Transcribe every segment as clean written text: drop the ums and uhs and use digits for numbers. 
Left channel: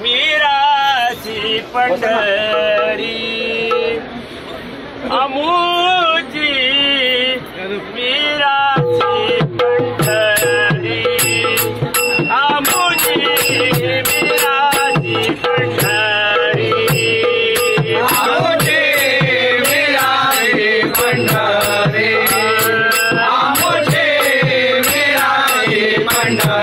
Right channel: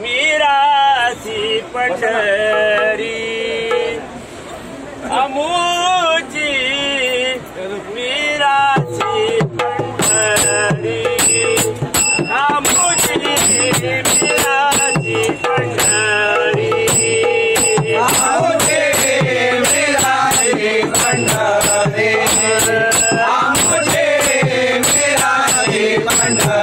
मीराची पंढरी आमुची मीराची पंढरी आमुची मीराची पंढरी आमुची मीराची पंढरी आमुची मीराची पंढरी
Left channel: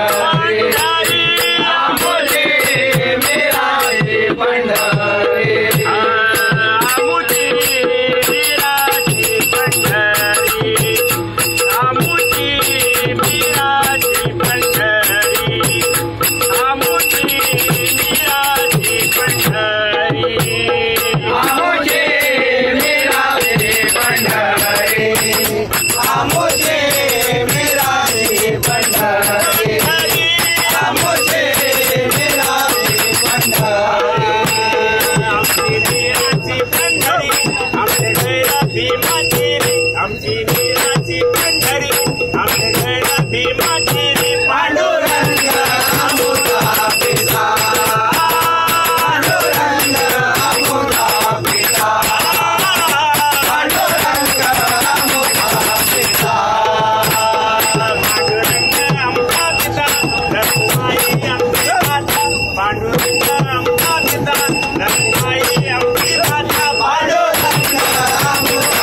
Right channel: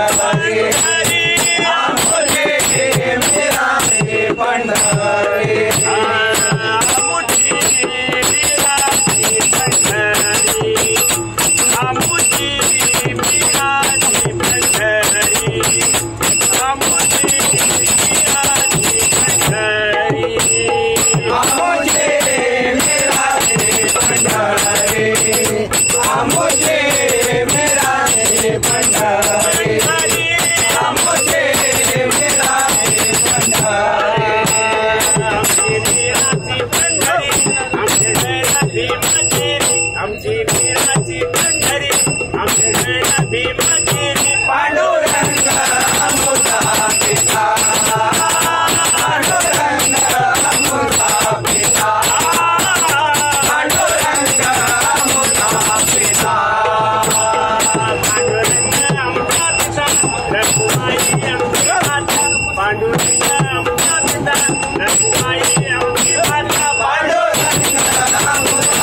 आमची मीराची पंढरी आमचे गया भीमाची पांडुरंग अमृता पिता पांडुरंग अमृता पिता पांडुरंग अमृता पिता पांडुरंग अमृता पिता रघुमाई आमची माता पांडुरंग अमृता पिता रघुमाई आमची माता पांडुरंग अमृता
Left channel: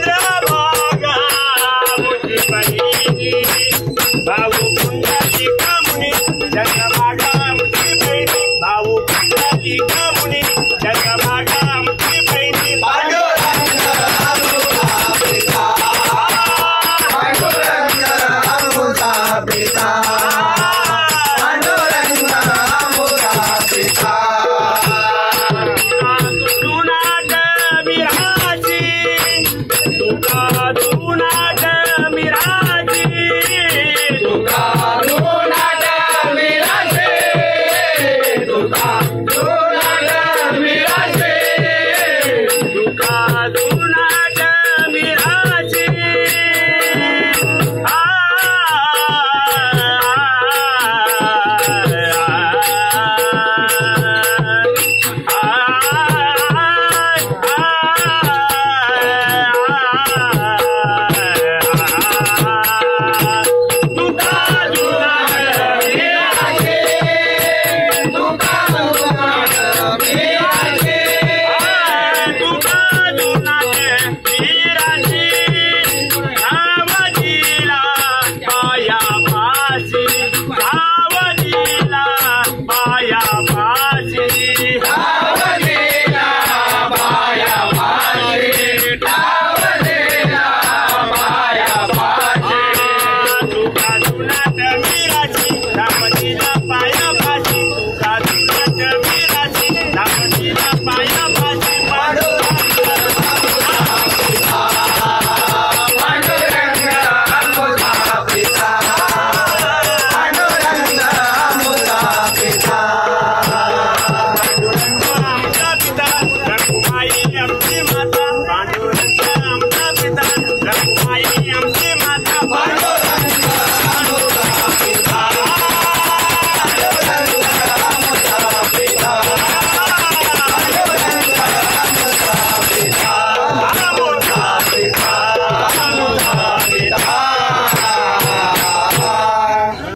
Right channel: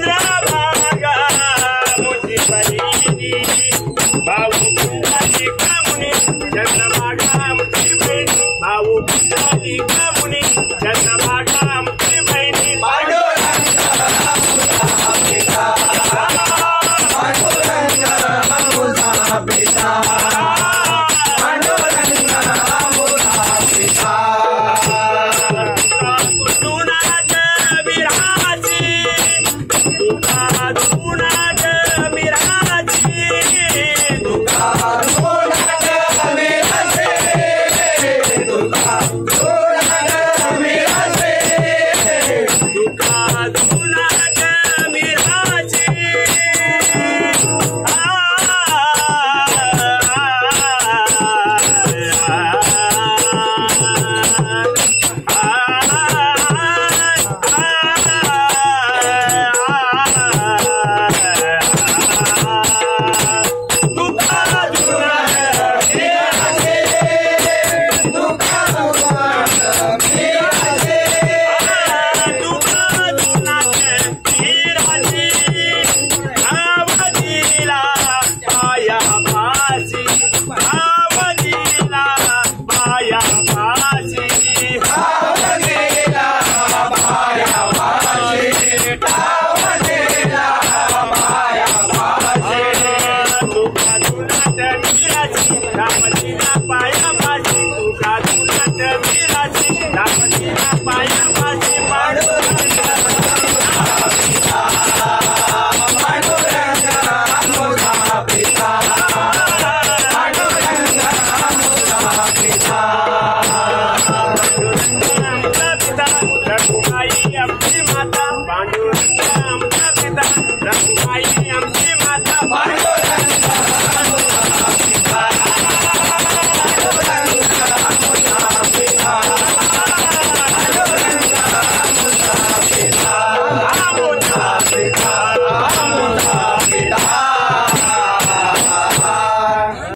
चंद्रभागा मुझी बहिनी भाऊ कुंडली कामुनी चंद्रभागा मुझी बहिनी भाऊ कुंडली कामुनी चंद्रभागा मुझी बहिनी पांडुरंग अमृता पिता पांडुरंग अमृता पिता पांडुरंग अमृता पिता मीराची